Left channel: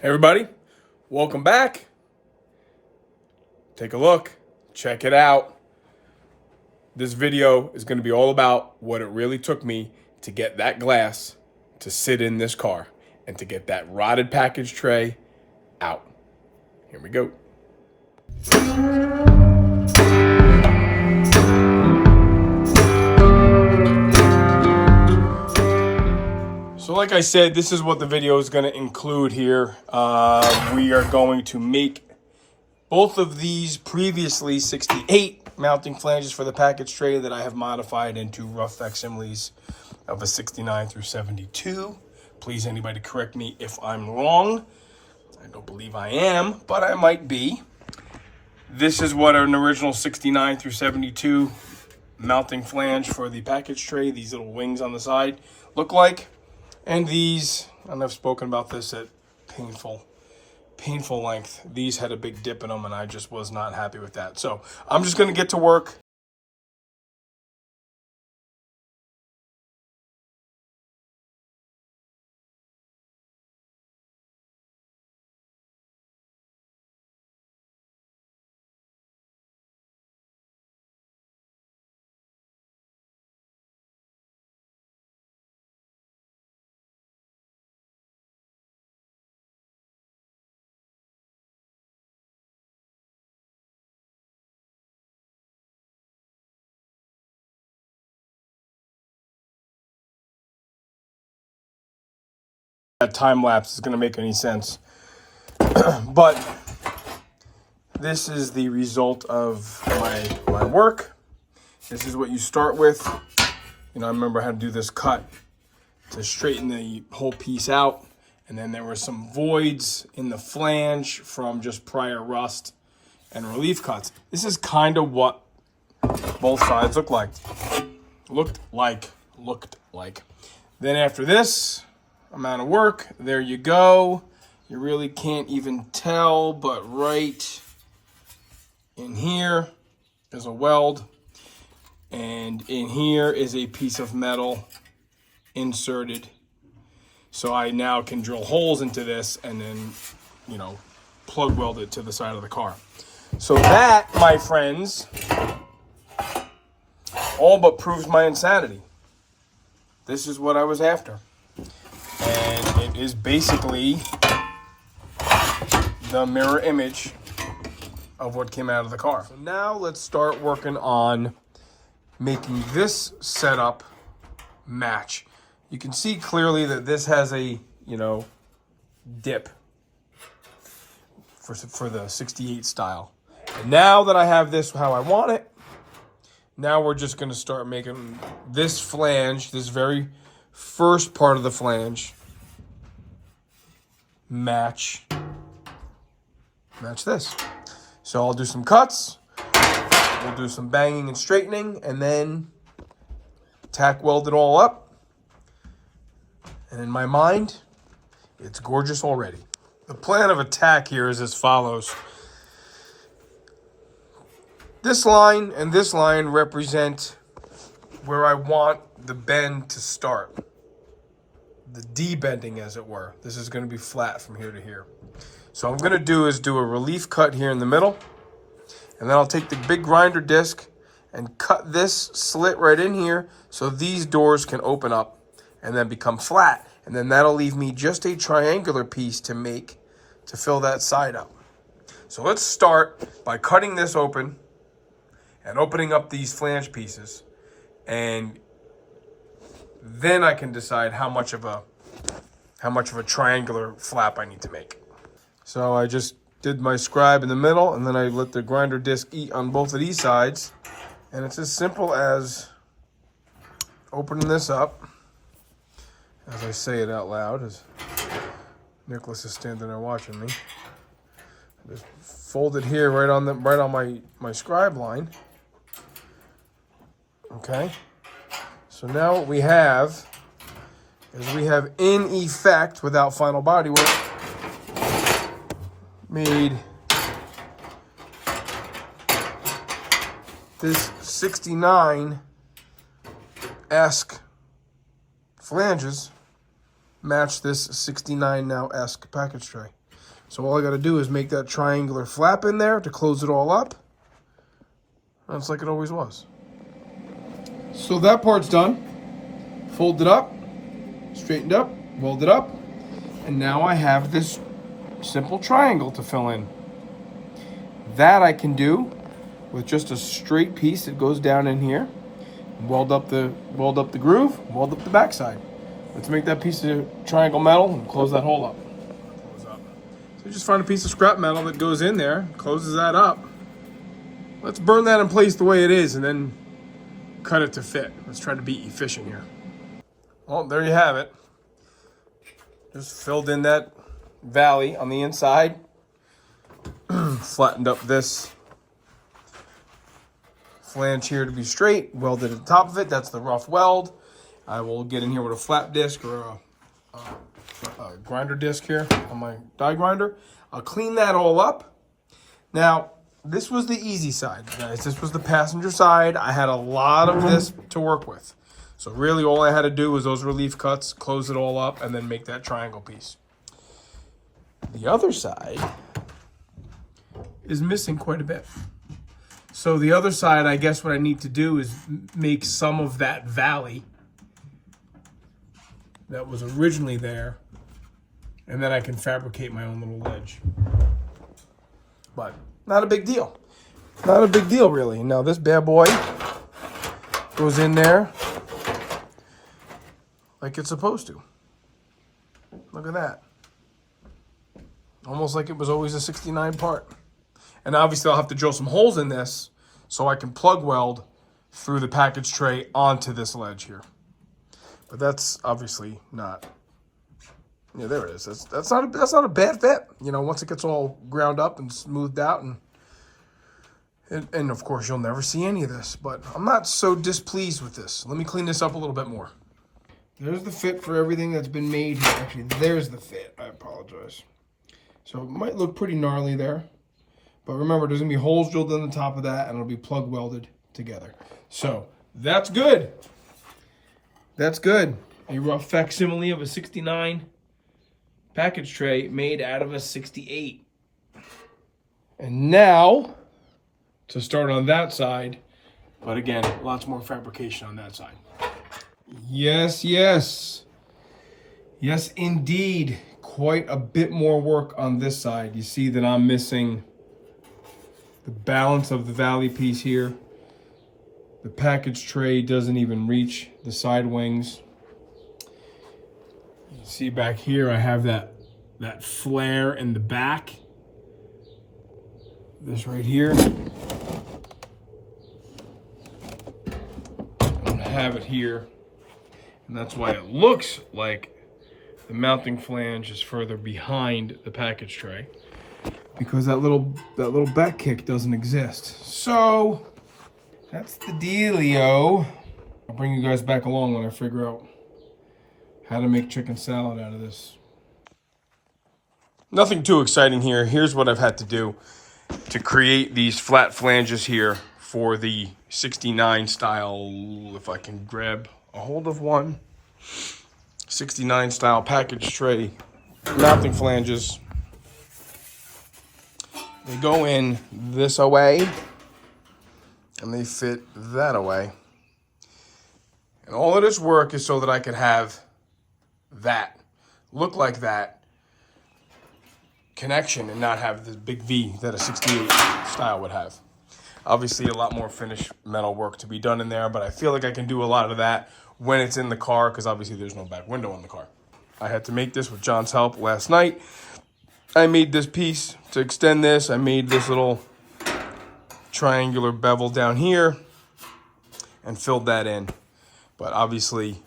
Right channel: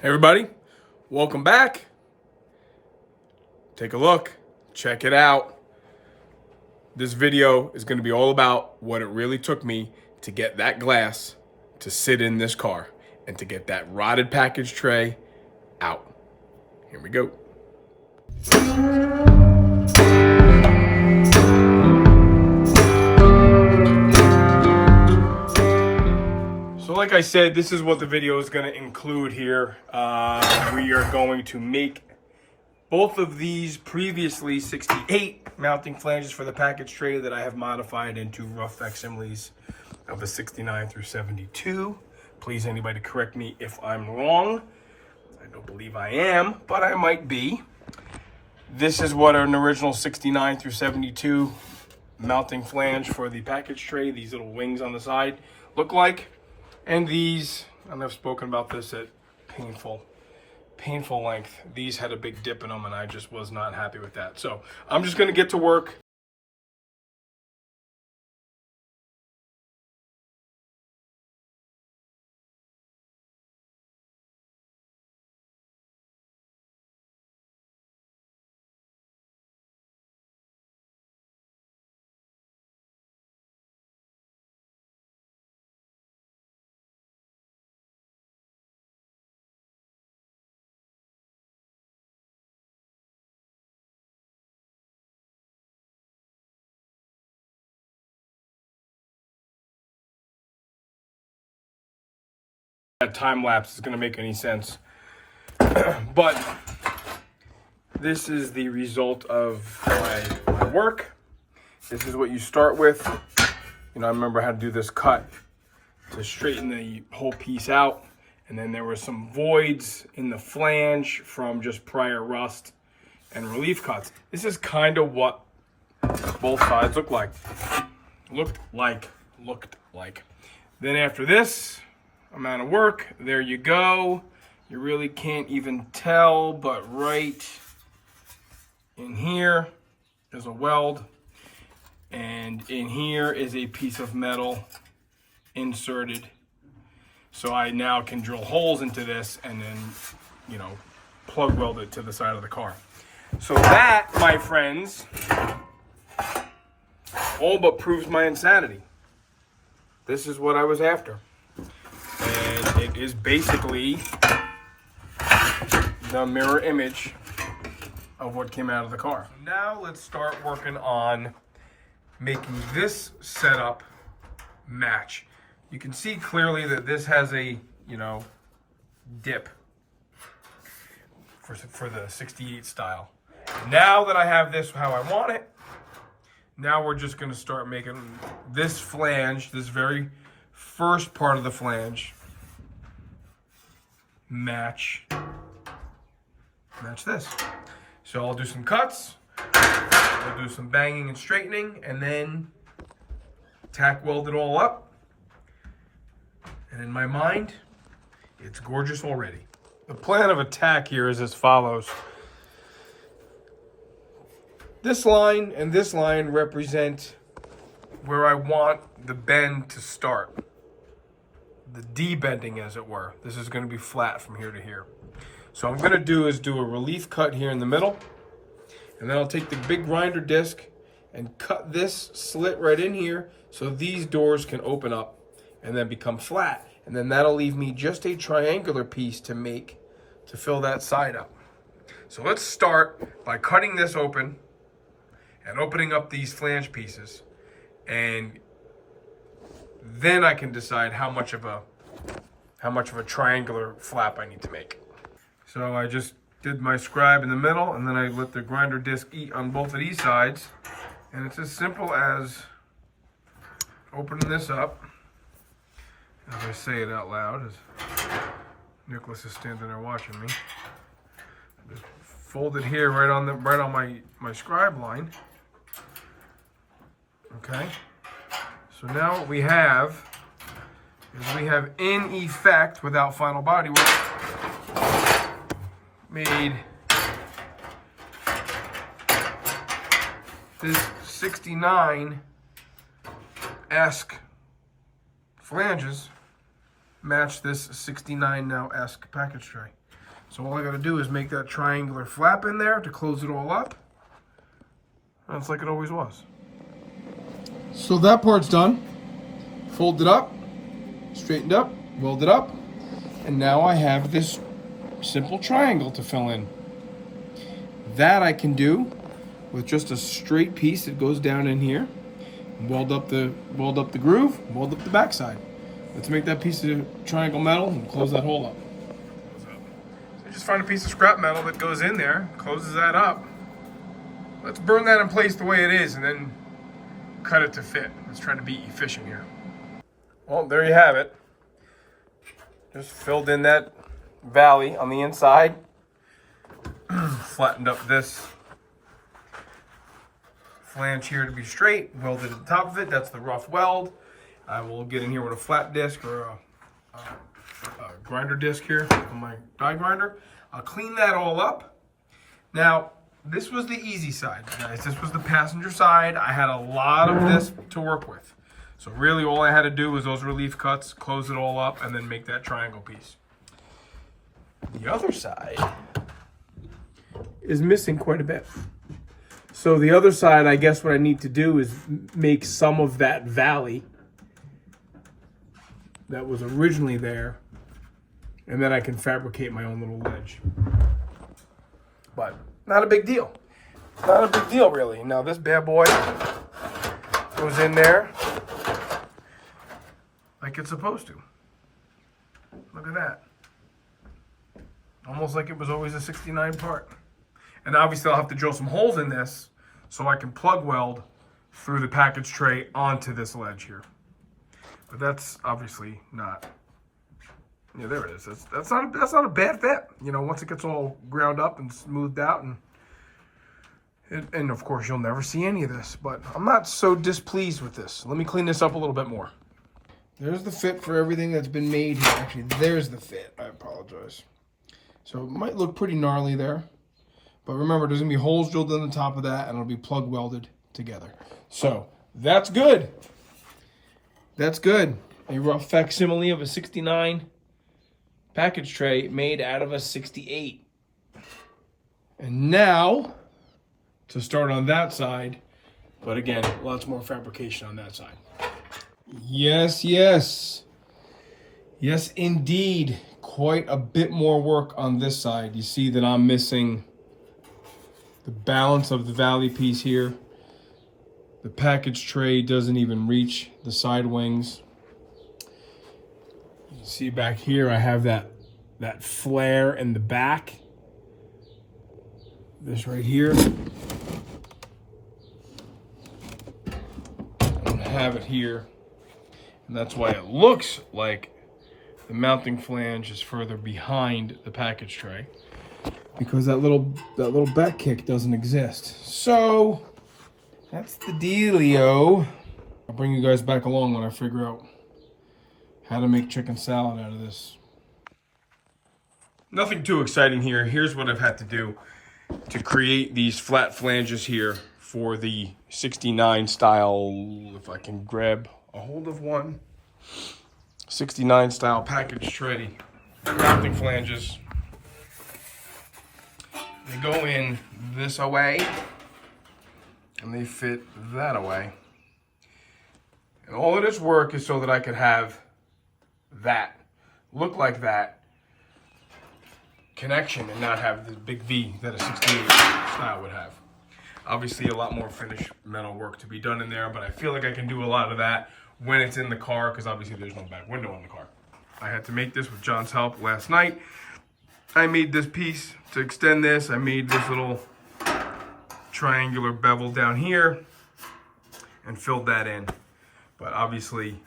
Hey everybody, welcome back. Take a look, check it out. This video is going to be all about what it really took me to get that glass to sit in this car and to get that rotted package tray out. Here we go. So like I said, this is what the video is going to include here. We are going to make both of these previously 68 mounting flanges for the package tray that I have modified into rough facsimiles of a 69 through 72. Please, anybody correct me if I'm wrong. I don't believe I am, but I might be. This is what an original 69 through 72 mounting flange for the package tray, these little wings on the side, look like. And these, and I've spoken about this at painful length. These had a big dip in them and I just was not happy with that. So I'm just gonna get to work. That time lapse is gonna make any sense. But this is the result of my work. This is what you start with. You know, I remember how to do this cut to straighten the whole piece out. And then there were some voids in the flange from just prior rust and relief cuts. This is kind of what both sides looked like. Then after this amount of work, there you go. You really can't even tell, but right in here is a weld, and in here is a piece of metal inserted. So I now can drill holes into this and then, you know, plug weld it to the side of the car. So that, my friends, all but proves my insanity. This is what I was after. And it is basically the mirror image of what came out of the car. So now let's start working on making this setup match. You can see clearly that this has a, you know, dip for the 68 style. And now that I have this how I want it, now we're just gonna start making this flange, this very first part of the flange, match this. So I'll do some cuts, we'll do some banging and straightening, and then tack weld it all up. And in my mind, it's gorgeous already. The plan of attack here is as follows. This line and this line represent where I want the bend to start. The de-bending, as it were. This is going to be flat from here to here. So what I'm going to do is do a relief cut here in the middle. And then I'll take the big grinder disc and cut this slit right in here so these doors can open up and then become flat. And then that'll leave me just a triangular piece to make to fill that side up. So let's start by cutting this open and opening up these flange pieces. And then I can decide how much of a triangular flap I need to make. So I just did my scribe in the middle, and then I let the grinder disc eat on both of these sides. And it's as simple as opening this up, as I say it out loud, as Nicholas is standing there watching me. Just fold it here right on my scribe line. Okay. So now what we have is we have, in effect, without final body work, made this 69-esque flanges match this 69 now-esque package tray. So all I got to do is make that triangular flap in there to close it all up. And it's like it always was. So that part's done. Fold it up, straightened up, weld it up, and now I have this simple triangle to fill in. That I can do with just a straight piece that goes down in here. Weld up the groove, weld up the backside. Let's make that piece of triangle metal and close that hole up. So you just find a piece of scrap metal that goes in there, closes that up. Let's burn that in place the way it is and then cut it to fit. Let's try to be efficient here. Well, there you have it. Just filled in that valley on the inside. Flattened up this flange here to be straight. Welded at the top of it. That's the rough weld. I will get in here with a flat disc or a grinder disc here on my die grinder. I'll clean that all up. Now, this was the easy side, guys. This was the passenger side. I had a lot of this to work with. So really all I had to do was those relief cuts, close it all up, and then make that triangle piece. The other side is missing quite a bit. So the other side, I guess what I need to do is make some of that valley that was originally there, and then I can fabricate my own little ledge. But not a big deal. Not a big deal, really. Now this bad boy goes in there like it's supposed to. Look at that. Almost like it was always a 69 part. And obviously I'll have to drill some holes in this so I can plug weld through the package tray onto this ledge here. But that's obviously not, yeah, there it is. That's not a bad fit. You know, once it gets all ground up and smoothed out, and of course you'll never see any of this, but I'm not so displeased with this. Let me clean this up a little bit more. There's the fit for everything that's been made here. Actually, there's the fit. I apologize. So it might look pretty gnarly there. But remember, there's going to be holes drilled in the top of that, and it'll be plug welded together. So that's good. That's good. A rough facsimile of a 69 package tray made out of a 68. And now, to start on that side, but again, lots more fabrication on that side. Yes, yes. Yes, indeed. Quite a bit more work on this side. You see that I'm missing the balance of the valley piece here. The package tray doesn't even reach the side wings. You see back here, I have that flare in the back. This right here. I'm gonna have it here. And that's why it looks like the mounting flange is further behind the package tray, because that little back kick doesn't exist. So that's the dealio. I'll bring you guys back along when I figure out how to make chicken salad out of this. Nothing too exciting here. Here's what I've had to do to create these flat flanges here for the 69 style, if I can grab a hold of one. 69 style package tray mounting flanges. They go in this away and they fit that away. And all of this work is so that I could have that look like that connection and not have the big V that a 68 style would have. Obviously a lot more finished metal work to be done in there, but I feel like I can do a lot of that when it's in the car, because obviously there's no back window on the car. I had to make this with John's help last night. I made this piece to extend this. I made this little triangular bevel down here and filled that in. But obviously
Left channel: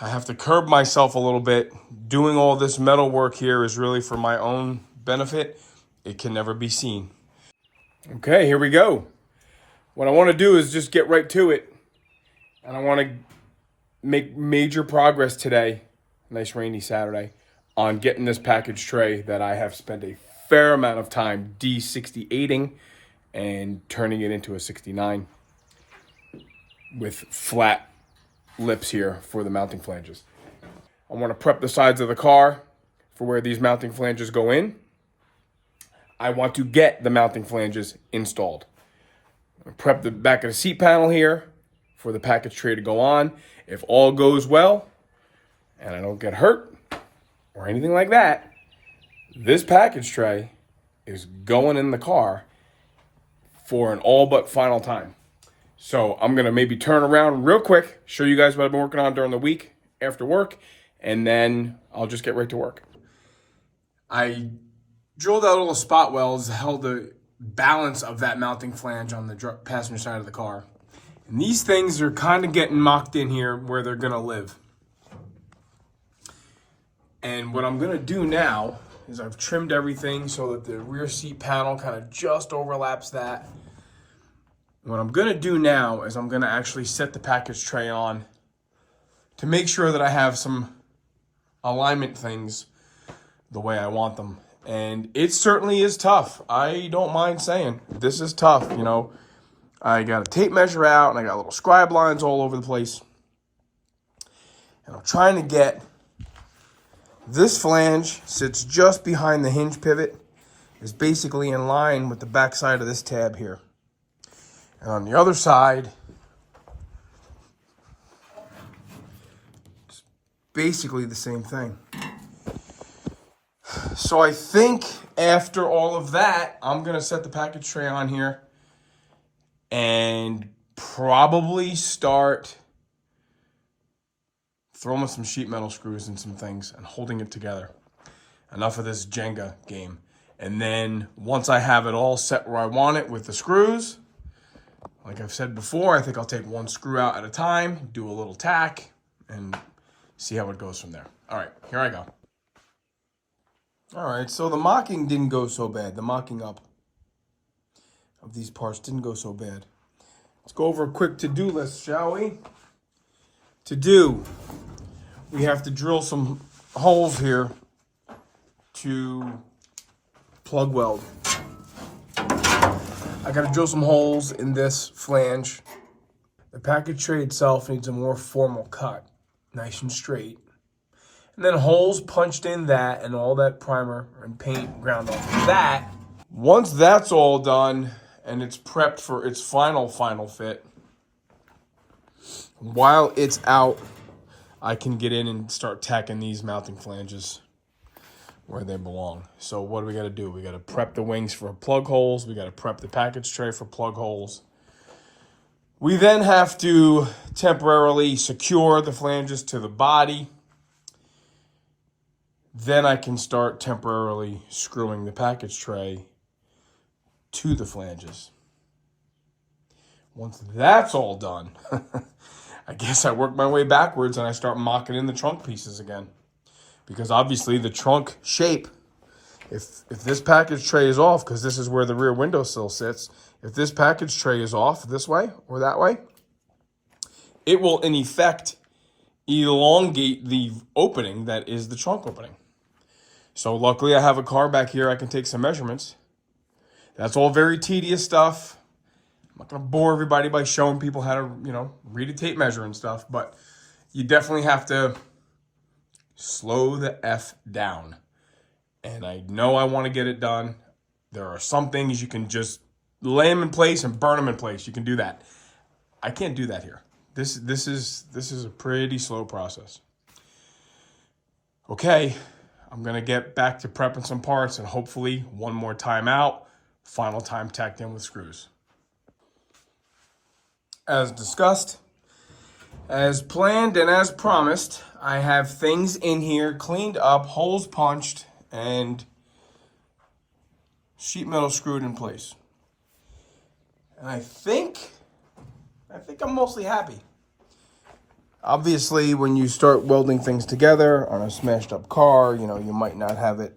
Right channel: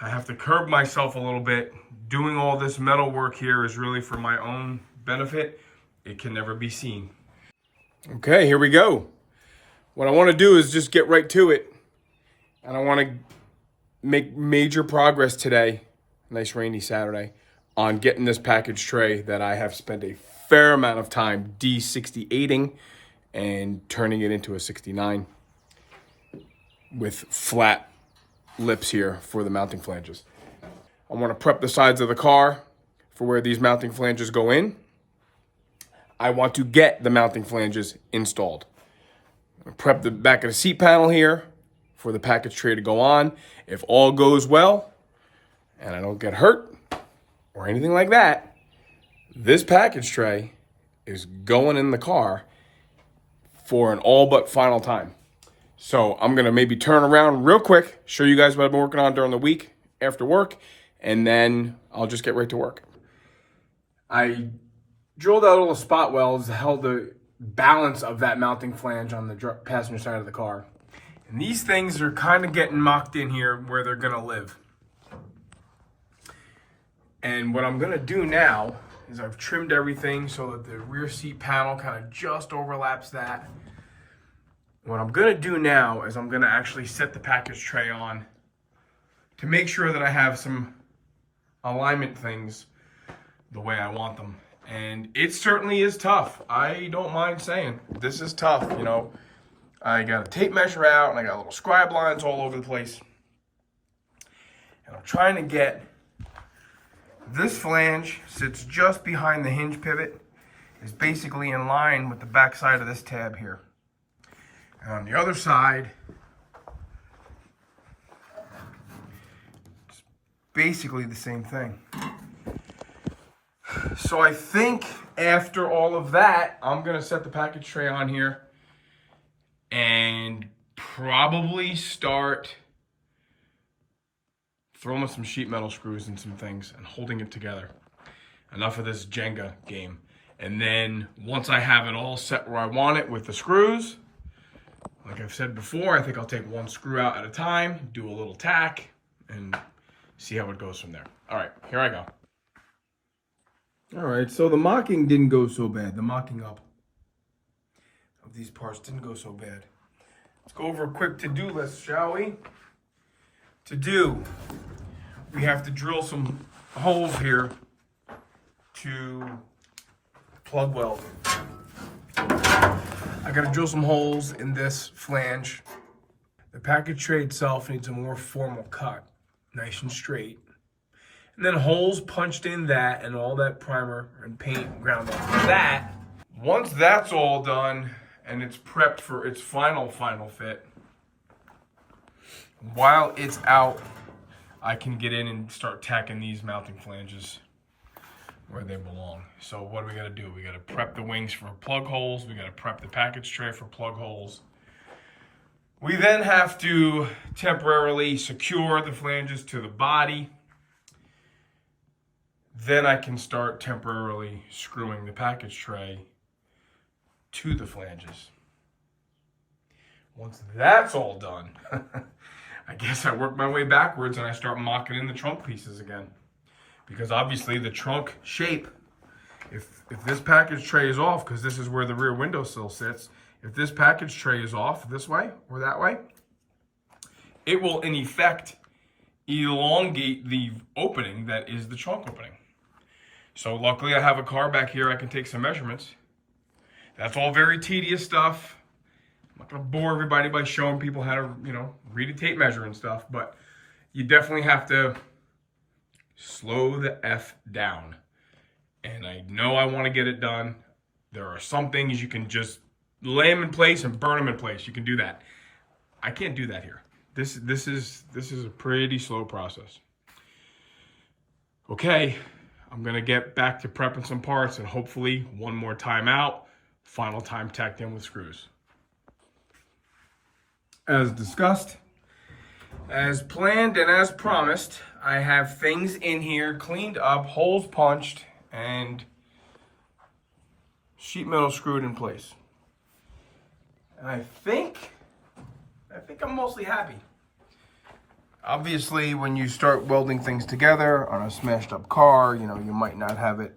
I have to curb myself a little bit. Doing all this metal work here is really for my own benefit. It can never be seen. Okay, here we go. What I want to do is just get right to it. And I want to make major progress today, nice rainy Saturday, on getting this package tray that I have spent a fair amount of time de-68ing and turning it into a 69 with flat lips here for the mounting flanges. I want to prep the sides of the car for where these mounting flanges go in. I want to get the mounting flanges installed. Prep the back of the seat panel here for the package tray to go on. If all goes well and I don't get hurt or anything like that, this package tray is going in the car for an all but final time. So I'm going to maybe turn around real quick, show you guys what I've been working on during the week after work, and then I'll just get right to work. I drilled out little spot welds to hold the balance of that mounting flange on the passenger side of the car. And these things are kind of getting mocked in here where they're going to live. And what I'm going to do now is I've trimmed everything so that the rear seat panel kind of just overlaps that. What I'm going to do now is I'm going to actually set the package tray on to make sure that I have some alignment things the way I want them. And it certainly is tough. I don't mind saying this is tough. You know, I got a tape measure out and I got little scribe lines all over the place. And I'm trying to get this flange sits just behind the hinge pivot, is basically in line with the back side of this tab here. And on the other side, it's basically the same thing. So I think after all of that, I'm going to set the package tray on here and probably start throwing some sheet metal screws and some things and holding it together. Enough of this Jenga game. And then once I have it all set where I want it with the screws, like I've said before, I think I'll take one screw out at a time, do a little tack, and see how it goes from there. All right, here I go. All right, so the mocking didn't go so bad. The mocking up of these parts didn't go so bad. Let's go over a quick to-do list, shall we? To do, we have to drill some holes here to plug weld. I got to drill some holes in this flange. The package tray itself needs a more formal cut, nice and straight. And then holes punched in that and all that primer and paint ground off that. Once that's all done and it's prepped for its final fit, while it's out, I can get in and start tacking these mounting flanges where they belong. So what do we got to do? We got to prep the wings for plug holes. We got to prep the package tray for plug holes. We then have to temporarily secure the flanges to the body. Then I can start temporarily screwing the package tray to the flanges. Once that's all done, I guess I work my way backwards and I start mocking in the trunk pieces again. Because obviously the trunk shape, if this package tray is off, because this is where the rear windowsill sits, if this package tray is off this way or that way, it will in effect elongate the opening that is the trunk opening. So luckily I have a car back here I can take some measurements. That's all very tedious stuff. I'm not going to bore everybody by showing people how to, read a tape measure and stuff, but you definitely have to slow the F down. And I know I want to get it done. There are some things you can just lay them in place and burn them in place. You can do that. I can't do that here. This is a pretty slow process. Okay, I'm going to get back to prepping some parts and hopefully one more time out, final time tacked in with screws. As discussed, as planned and as promised, I have things in here cleaned up, holes punched, and sheet metal screwed in place. And I think I'm mostly happy. Obviously, when you start welding things together on a smashed up car, you might not have it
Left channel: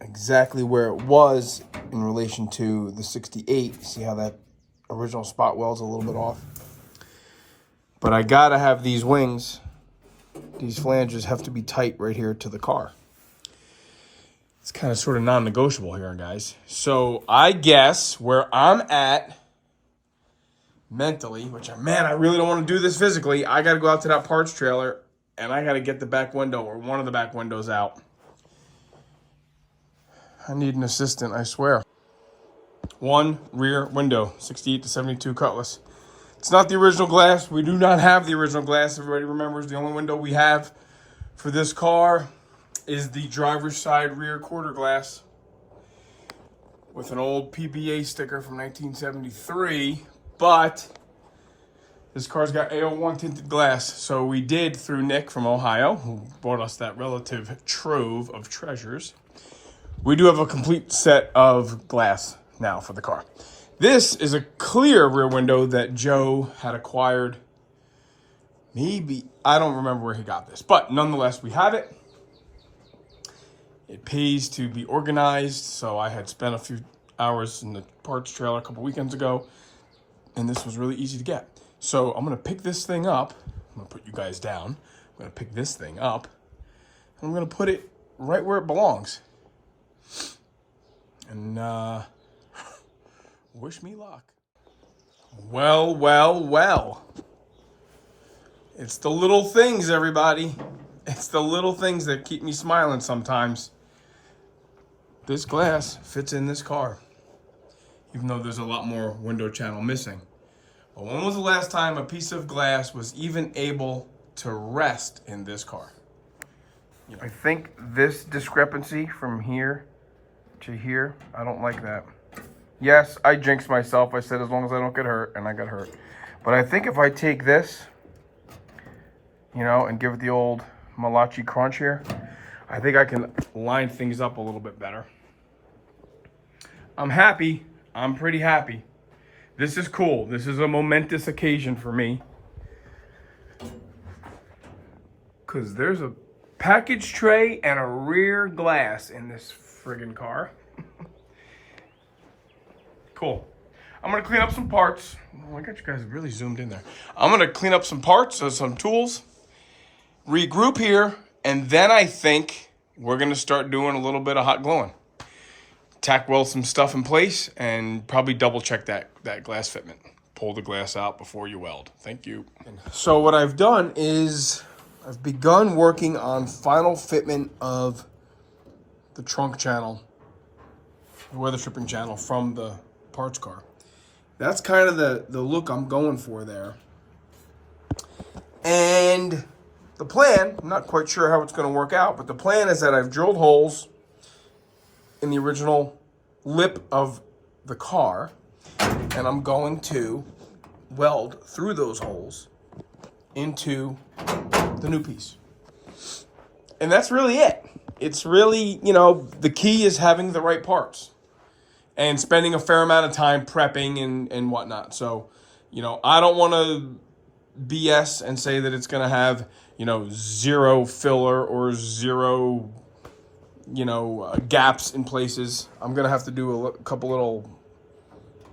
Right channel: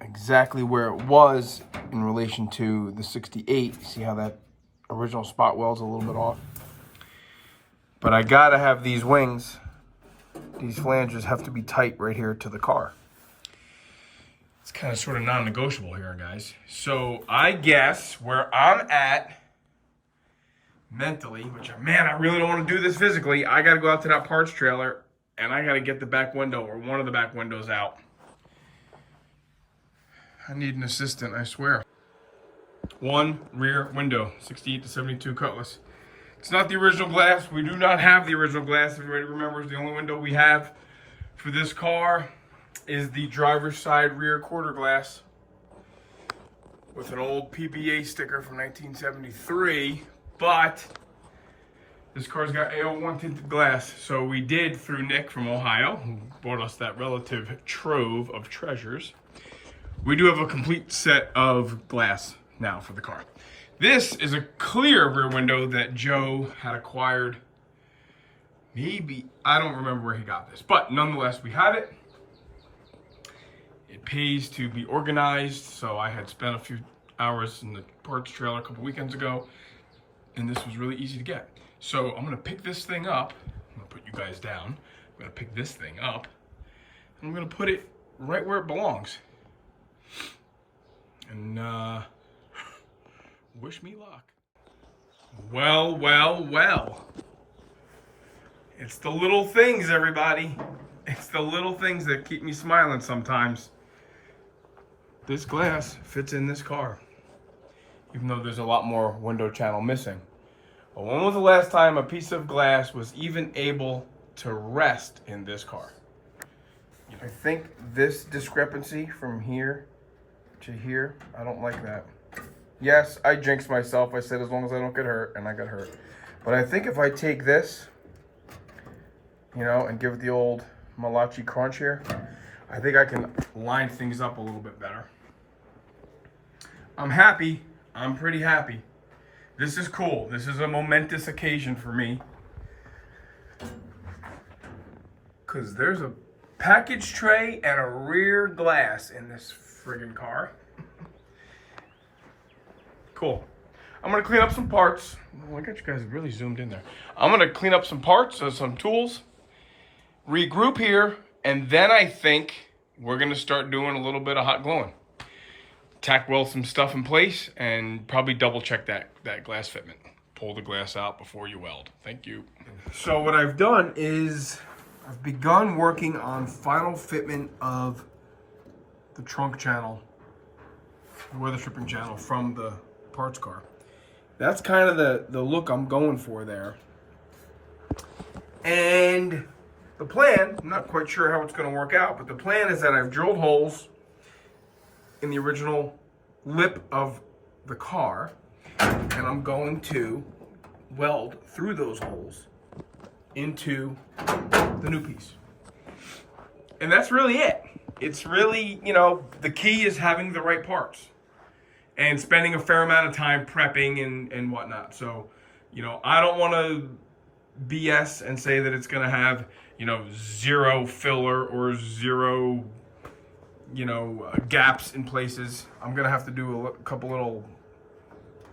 exactly where it was in relation to the 68. See how that original spot weld's a little bit off? But I gotta have these wings, these flanges have to be tight right here to the car. It's kind of sort of non-negotiable here, guys. So I guess where I'm at mentally, which, man, I really don't want to do this physically. I got to go out to that parts trailer and I got to get the back window or one of the back windows out. I need an assistant, I swear. One rear window, 68 to 72 Cutlass. It's not the original glass. We do not have the original glass. Everybody remembers the only window we have for this car is the driver's side rear quarter glass with an old PBA sticker from 1973, but this car's got AO1 tinted glass. So we did, through Nick from Ohio, who brought us that relative trove of treasures, we do have a complete set of glass now for the car. This is a clear rear window that Joe had acquired. Maybe, I don't remember where he got this, but nonetheless, we have it. It pays to be organized, so I had spent a few hours in the parts trailer a couple weekends ago, and this was really easy to get. So I'm gonna pick this thing up. I'm gonna put you guys down. I'm gonna pick this thing up, and I'm gonna put it right where it belongs. And wish me luck. Well, well, well. It's the little things, everybody. It's the little things that keep me smiling sometimes. This glass fits in this car, even though there's a lot more window channel missing. But when was the last time a piece of glass was even able to rest in this car? I think this discrepancy from here to here, I don't like that. Yes, I jinxed myself. I said as long as I don't get hurt, and I got hurt. But I think if I take this, you know, and give it the old Malachi crunch here, I think I can line things up a little bit better. I'm happy. I'm pretty happy. This is cool. This is a momentous occasion for me. Because there's a package tray and a rear glass in this friggin' car. Cool. I'm gonna clean up some parts. Oh, I got you guys really zoomed in there. I'm gonna clean up some parts, some tools, regroup here, and then I think we're gonna start doing a little bit of hot gluing. Tack weld some stuff in place and probably double check that glass fitment. Pull the glass out before you weld. Thank you. So what I've done is I've begun working on final fitment of the trunk channel, the weather stripping channel from the parts car. That's kind of the look I'm going for there. And the plan, I'm not quite sure how it's going to work out, but the plan is that I've drilled holes in the original lip of the car, and I'm going to weld through those holes into the new piece. And that's really it. It's really, you know, the key is having the right parts and spending a fair amount of time prepping and whatnot. So, you know, I don't want to BS and say that it's going to have, you know, zero filler or zero, you know, gaps in places. I'm going to have to do a couple little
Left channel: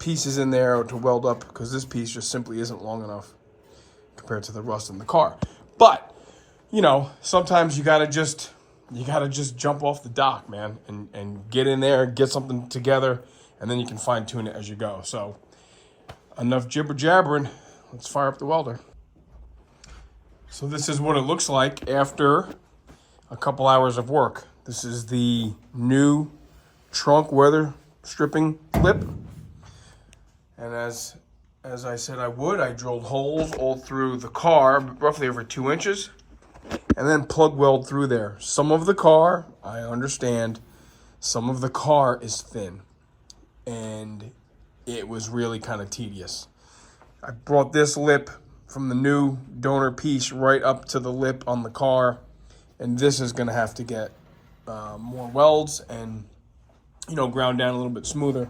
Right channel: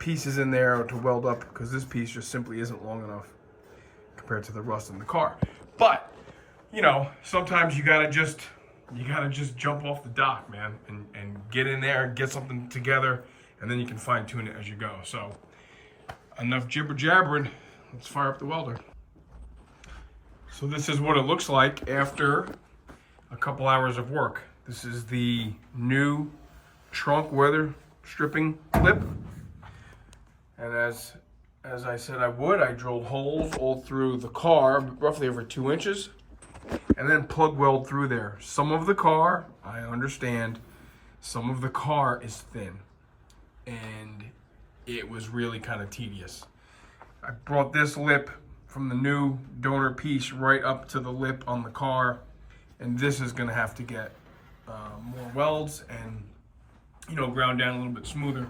pieces in there to weld up because this piece just simply isn't long enough compared to the rust in the car. But, you know, sometimes you got to just jump off the dock, man, and get in there, get something together, and then you can fine tune it as you go. So enough jibber jabbering. Let's fire up the welder. So this is what it looks like after a couple hours of work. This is the new trunk weather stripping lip. And as I said I would, I drilled holes all through the car, roughly over 2 inches. And then plug weld through there. Some of the car, I understand, some of the car is thin. And it was really kind of tedious. I brought this lip from the new donor piece right up to the lip on the car. And this is going to have to get more welds and, you know, ground down a little bit smoother.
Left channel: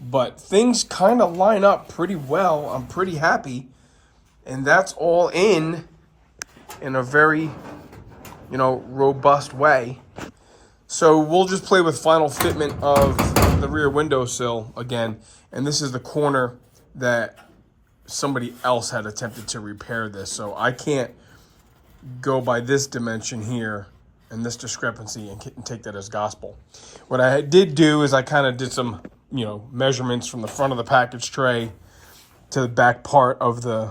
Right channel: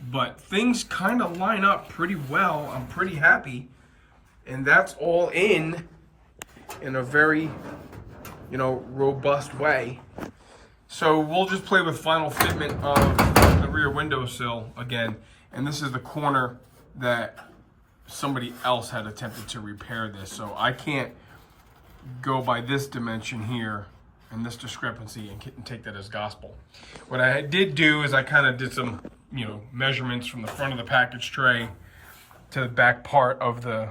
But things kind of line up pretty well. I'm pretty happy. And that's all in a very, you know, robust way. So we'll just play with final fitment of the rear windowsill again. And this is the corner that somebody else had attempted to repair this. So I can't go by this dimension here and this discrepancy and take that as gospel. What I did do is I kind of did some, you know, measurements from the front of the package tray to the back part of the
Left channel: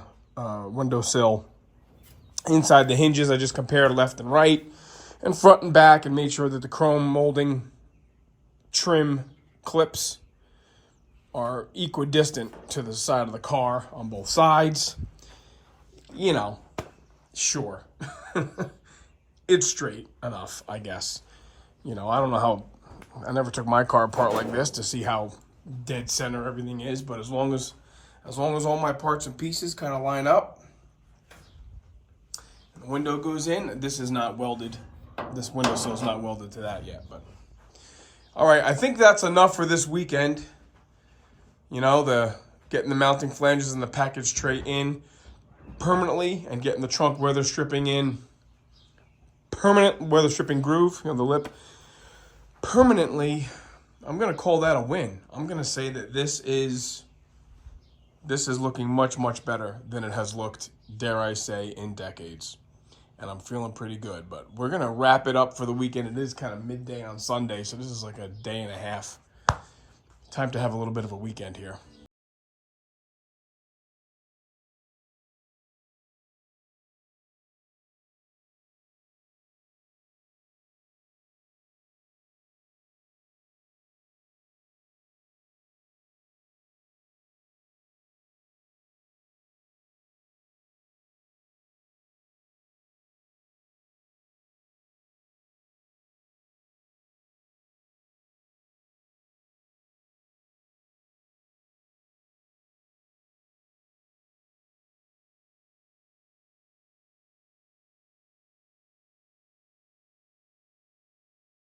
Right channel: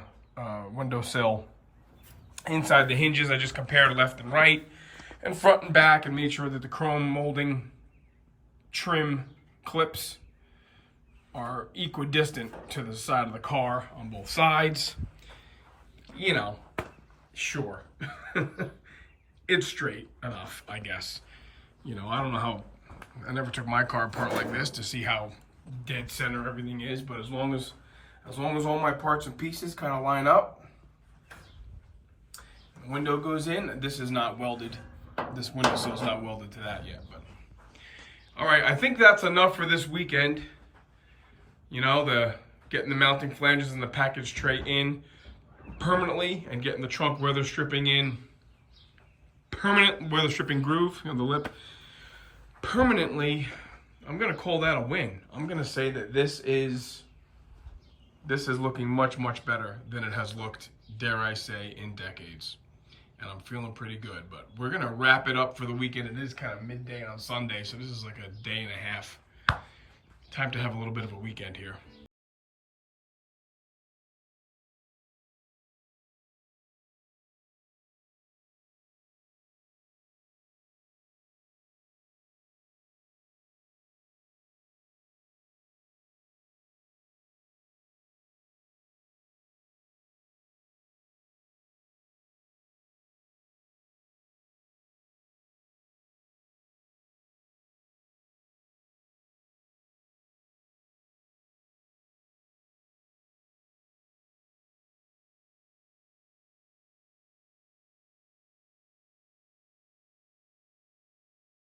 windowsill. Inside the hinges, I just compared left and right and front and back and made sure that the chrome molding trim clips are equidistant to the side of the car on both sides. You know, sure. It's straight enough, I guess. You know, I don't know how, I never took my car apart like this to see how dead center everything is, but as long as all my parts and pieces kind of line up, the window goes in. This is not welded. This window sill's not welded to that yet, but all right, I think that's enough for this weekend. You know, getting the mounting flanges and the package tray in permanently and getting the trunk weather stripping in, permanent weather stripping groove, you know, the lip, permanently. I'm gonna call that a win. I'm gonna say that this is looking much, much better than it has looked, dare I say, in decades. And I'm feeling pretty good, but we're gonna wrap it up for the weekend. It is kind of midday on Sunday, so this is like a day and a half. Time to have a little bit of a weekend here.